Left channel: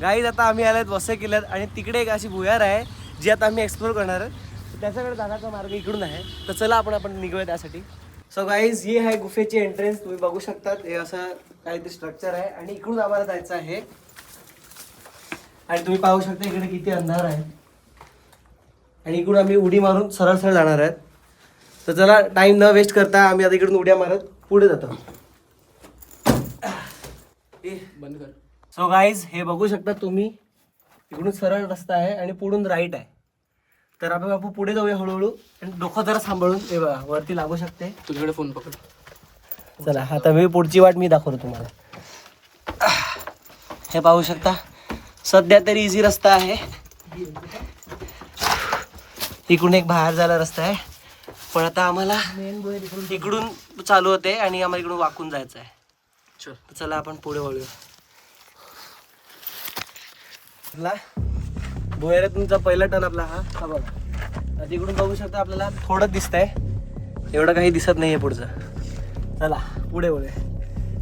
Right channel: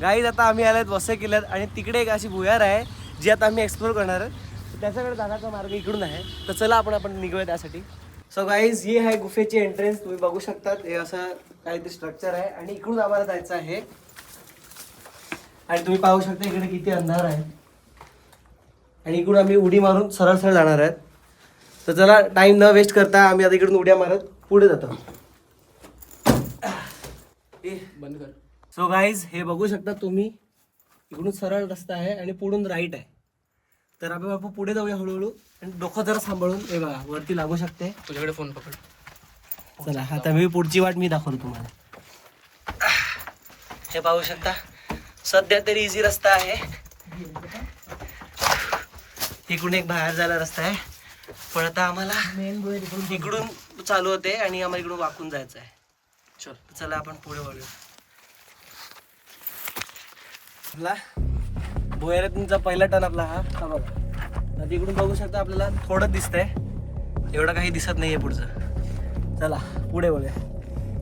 Guys आता आम्ही आल्यात वसई किल्ल्यात आणि तिकडे एक अशी भुयार आहे जी आता आम्ही एक्सप्लोर करणार आहे. त्याच्याकडे जाण्याचा मार्ग इकडून आहे, तर चला आपण निघूया त्यासाठी. सो गाईज ही आहे गुफेची एंट्रन्स. तुम्ही बघू शकतात हे असं काहीतरी स्ट्रक्चर आहे आणि इकडून आम्हाला जायचं आहे. आणि तुम्ही पाहू शकता इकडे किती अंधार आहे आणि इकडून आम्ही उडी मारून सरळ सरळ जाणार आहेत. तर चला टाइम न वेस्ट करता आम्ही आता इकडून उड्या मारत पुढे जातो. बंद कर. सो गाईज हे बघू शकता तुम्ही, इकडून सरळ रस्ता आहे आणि पुढून राईट आहे. तर आपण पुढे जाऊया हळूहळू आणि डोकं जरा सांभाळून. हे बघा वरती लागू शकते. तुझ्याकडे फोन पकड. चला आता मी पुढची वाट मी दाखवतो तुम्हाला. हे पाहू शकता सध्या तरी इझी रस्ता आहे. इकडून एक बाहेर जायला रस्ता आहे, पण आता आम्हाला इकडून चालू होते आणि आम्हाला इकडून वाकून जायचं आहे. चला आपण पुढे वळूया. भुयारात तुमचा पहिला टर्न आपला हा बघा. आता इकडून बघू शकता आपल्याला थोडं दिसतंय, एवढं काही दिसत नाहीये पुढचं. चला पुढे वळूया.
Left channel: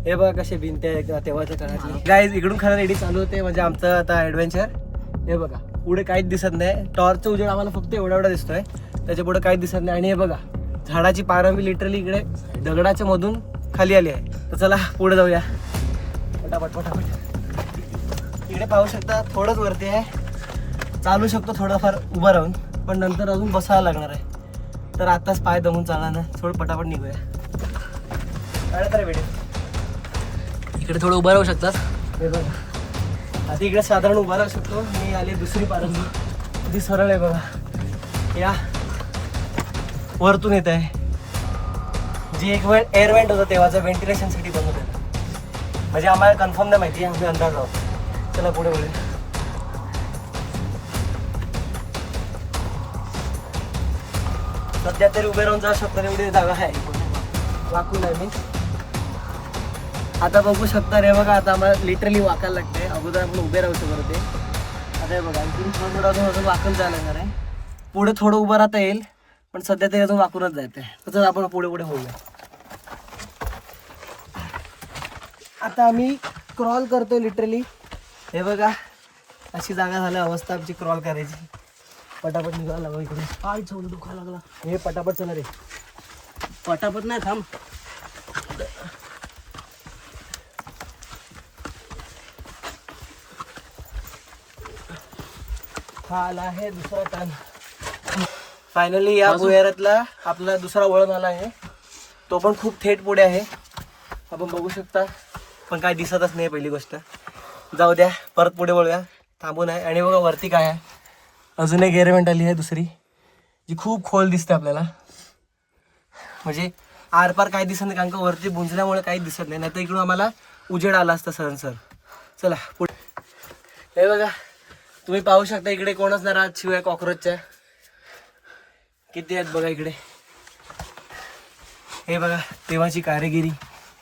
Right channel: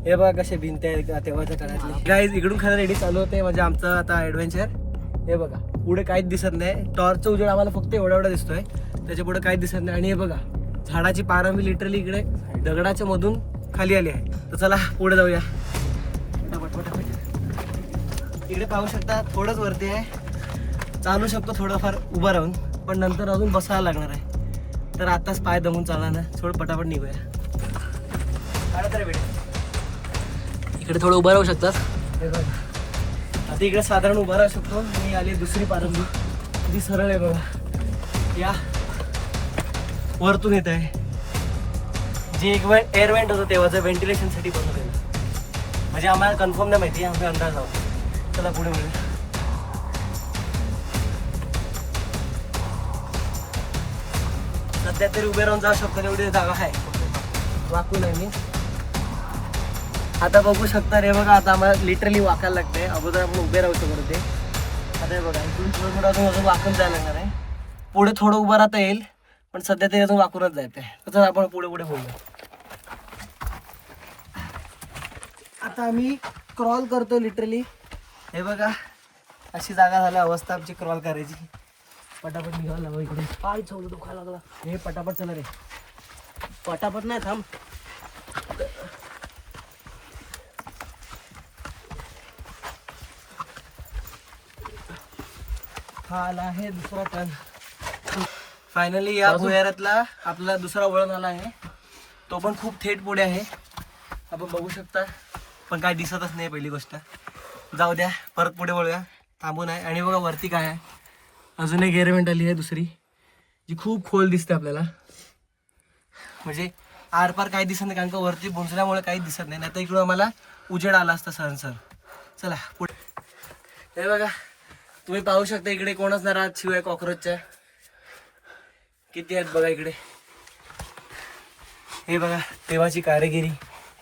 हे बघा कसे भिंत आहे तेव्हाच्या काळातले. गाईज इकडून खरं रेडी चालू होते म्हणजे आमचं आता ॲडव्हेंचर. हे बघा पुढे काहीच दिसत नाही, टॉर्चचा उजेड आम्हाला फक्त एवढा दिसतोय, त्याच्या पुढे काहीच दिसत नाही. आणि हे बघा झाडाची पारंबी लिटरली इकडे दगडाच्या मधून खाली आली आहे. तर चला पुढे जाऊया पटापट पटापट. इकडे पाहू शकता थोडंच वरती आहे, चालू शकतो थोडंफार उभं राहून, पण नंतर अजून बसावं लागणार आहे. तर आताच पाय दमून चाला ना, थोडं पटापट निघूया. काय तर भेटेल इकडे थोडं उभं राहू शकतात. हे बघा आता इकडे साधारण उभा राहू शकतो. मी आली दुसरी पारंबी, जी सरळ आहे बघा. या वरतून येत आहे, जी एक वेळ एअर वेंट होतं तेव्हाचं व्हेंटिलेशनसाठी बनवलेलं. म्हणजे आम्हाला कन्फर्म नाही माहिती, आम्ही अंदाज आहोत. चला पुढे बोलू. सध्या तरी उभे राहून जाऊ शकतो तेवढी जागा आहे, वाकून आहे मी. आता बघू शकता रे बघा, आता आम्हाला लिटरली वाकायला लागते. अगोदर आपण उभे राहू शकतो ते. आता हे बघा इकडून थोडं थोडं अजून वाकून जायला लागणार आहे. पुढे थोडं उभं राहता येईल, पण सध्या ते अजून वाकूनच जायचं आहे. तसंच आपण पुढे पुढे बोलूया. आता आम्ही क्रॉल करतो लिटरली. हे बघा अशी जागा झाली अवस्था आमची क्रॉल करायची. पटापट निघायला लागलो इकडून. काय चौल दुखायला लागला. हे पटापट चला रे, पटापट ना थांब. हा आला आहे दुसरा टर्न. फायनली या भुयारातला आपला दुसरा वळण आला आहे. तो पण खूप थेट पुढे आहे, आपण बघू शकता, पण काय दिसतच नाही. पहिली गोष्ट जाऊ द्या, परत पुढे वळूया, थांबून आहे. आणि बघा वरती काय आहे, अजून एक एअरवेंट आली आहे दुसरी, जी खूप खोल दिसते आपल्याला. म्हणजे आरपार काही दिसत नाही, कारण का वरती बुंजल्यामुळे काही दिसत नाही. तर इकडून आम्हाला उजेड आला असता सर. चला पुढे. हे बघा तुम्ही पाहू शकता इकडे कोणच नाही राहत, शिवाय कॉक्रोचच्या किती आहेत बघा इकडे. हे बघा तेव्हाची कारागिरी.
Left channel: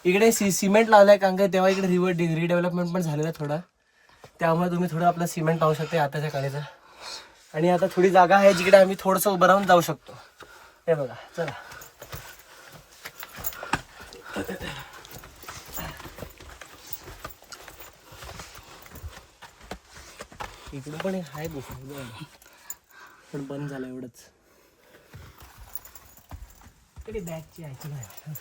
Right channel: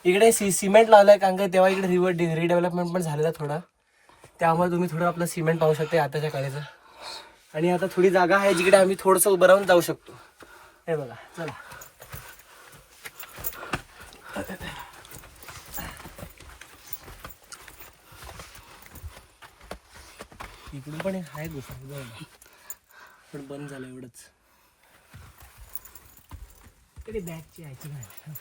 इकडे सिमेंट लावलाय, कारण का तेव्हा इकडे रिडेव्हलपमेंट पण झालेलं थोडं, त्यामुळे तुम्ही थोडं आपलं सिमेंट पाहू शकता आताच्या काळाचं. आणि आता थोडी जागा आहे जिकडे आम्ही थोडंसं उभं राहून जाऊ शकतो. हे बघा चला. इकडून पण आहे दुसरं, पण बंद झालं एवढंच. इकडे बॅगची आहे नाही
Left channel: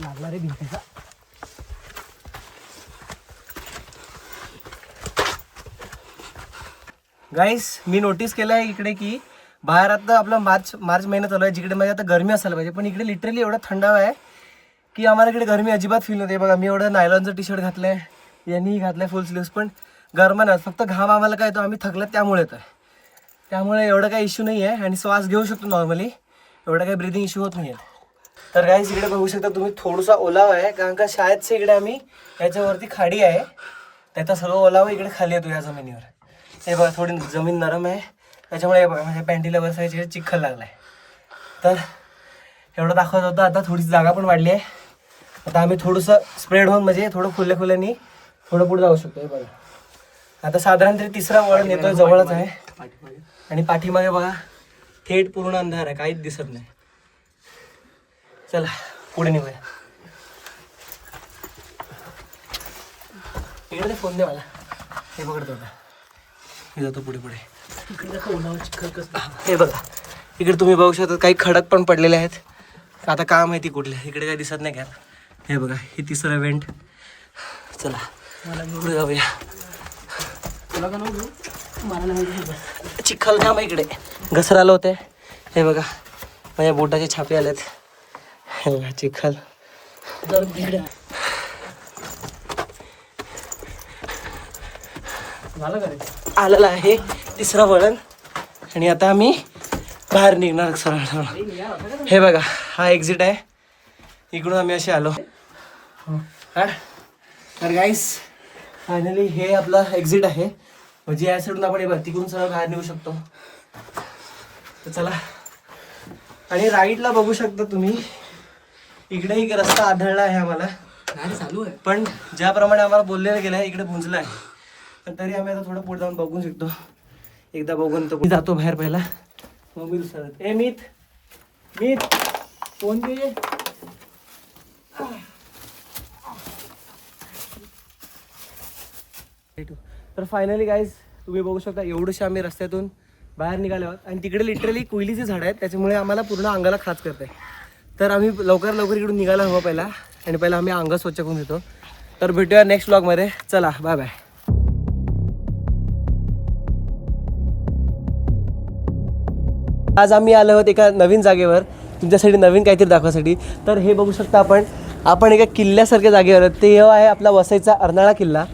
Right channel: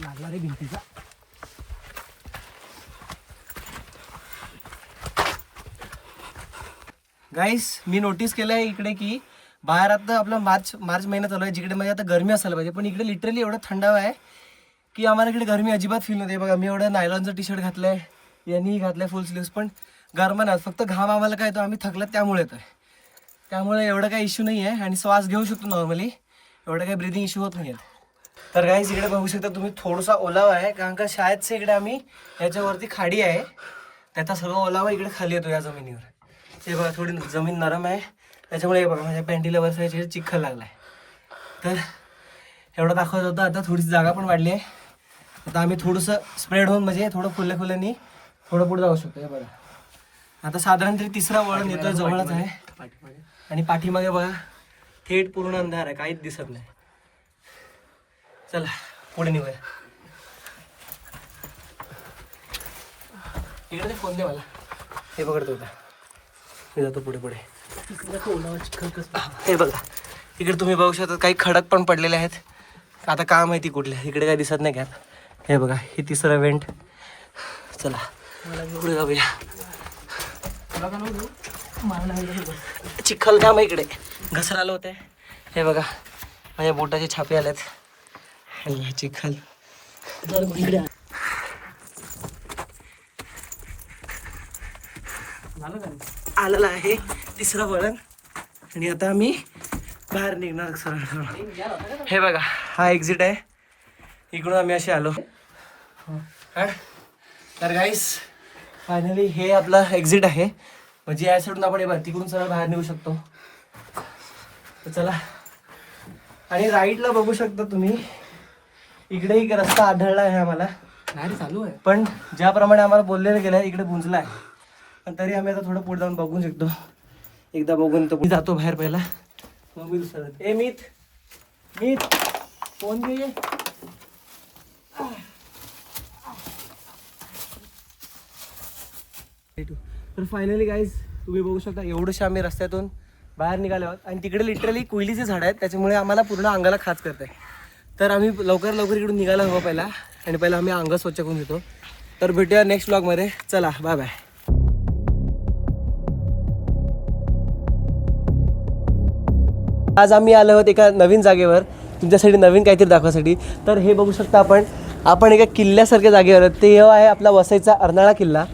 लागला रे भिंतीचा. गाईस मी नोटीस केलं आहे इकडे की बाहेर आता आपला मार्च महिना चालू आहे, जिकडे म्हणजे आता गरमी असायला पाहिजे, पण इकडे लिटरली एवढं थंडावा आहे की आम्हाला इकडे गरमी अजिबात फील होते. बघा मी एवढं नायलॉनचं टी शर्ट घातलंय, यांनी घातलंय फुल स्लीव्स, पण गरम नाही. फक्त घाम आम्हाला काय येतो, आम्ही थकलं त्यामुळे येतोय. त्यामुळे एवढं काही इश्यू नाही आहे आणि श्वास घेऊ शकतो नॉर्मली, एवढा काही ब्रिदिंग इश्यू होत नाही आहे. तर गाईस इकडे बघू शकता तुम्ही थोडासा ओलावा आहे, कारण का शाळेत इकडे आम्ही याच्यावरती खाडी आहे, त्याचा सर्व ओलावा इकडे खाली येतो या जमिनीवर. ते बघा थोडी जमीन नरम आहे, त्याच्यामुळे हे बघा माझ्या पॅन्टीला वरसायची चिखल लागलाय. तर एवढं दाखवत होतं. आता थोडीशी जागा पण वाढली आहे, आता आम्ही थोडंसं स्प्रेड होऊन म्हणजे थोडं खुल्यानी थोडं पुढे जाऊ शकतो. हे बघा आता साधारण तरी तिसरा वळण येतोय, जवळच आहे. आणि पाठीमागे बघा थेट पूर्ण अंधार आहे, काहीच दिसत नाही. चला पुढे निघूया. इकडे फोन दे मला. हे पकडतो आता, मी जातो पुढे पुढे. इकडे ओलावा चिखल कसं हे बघा इकडे तुम्ही बघू शकता काही खडक पण पडलेले आहेत. आता काय माहिती कुठले, इकडे काय दिसत नाही का. हे बघा हे तिसरं वेंट. चला पुढे जाऊया. तुला का नव्हतं मला नाही चिखल जाम आहे इकडे, घसरालं होते. हे बघा माझ्या बोटाचे छापे आलेत. हे बघा चिखल जर भिड झालं का रे आलेला आहे तिसरा वळण. आणि आता आम्ही बाहेर निघणार सरळ. हे बघा हा एक्झिट आहे, इकडून आम्ही असे आलो. तर गाईस फायनली हे आपलं एक्झिट आहे, म्हणजे या साईडून आपण हे बघ तिकडून सरळ बाहेर निघू शकतो. तर चला. आणि राईटला बघू शकता तुम्ही, इकडे एक रस्ता आढळला आहे आम्हाला, नाही चालू आहे. पण ज्याप्रमाणे आम्हाला बोललेलं गेलं आहे इकडे पुंजला आहे. पण तरी आम्ही आता थोडं पुढे जाऊन बघून शकतो. एकदा बघून तो जातो बाहेर पहिला, मग मी दुसरा. ए मीत मीत फोन घे. तर फायनली गाईज तुम्ही बघू शकता एवढंशा आम्ही रस्त्यातून बाहेर निघाले आहोत. आणि तिकडे लिटरली कोयलीचे झाड आहेत, त्याच्यामुळे आम्हाला पूर्ण अंगाला खाज करत आहे. तर आम्ही लवकर इकडून निघायला हवं पहिला, आणि पहिला आम्ही अंग स्वच्छ करून घेतो. तर भेटूया नेक्स्ट व्लॉगमध्ये. चला बाय बाय. आज आम्ही आलो आहोत एका नवीन जागेवर, तुमच्यासाठी नवीन काहीतरी दाखवासाठी. तर हे बघू शकता आपण एका किल्ल्यासारख्या जागेवर. ते आहे आपला वसईचा अर्नाळा किल्ला.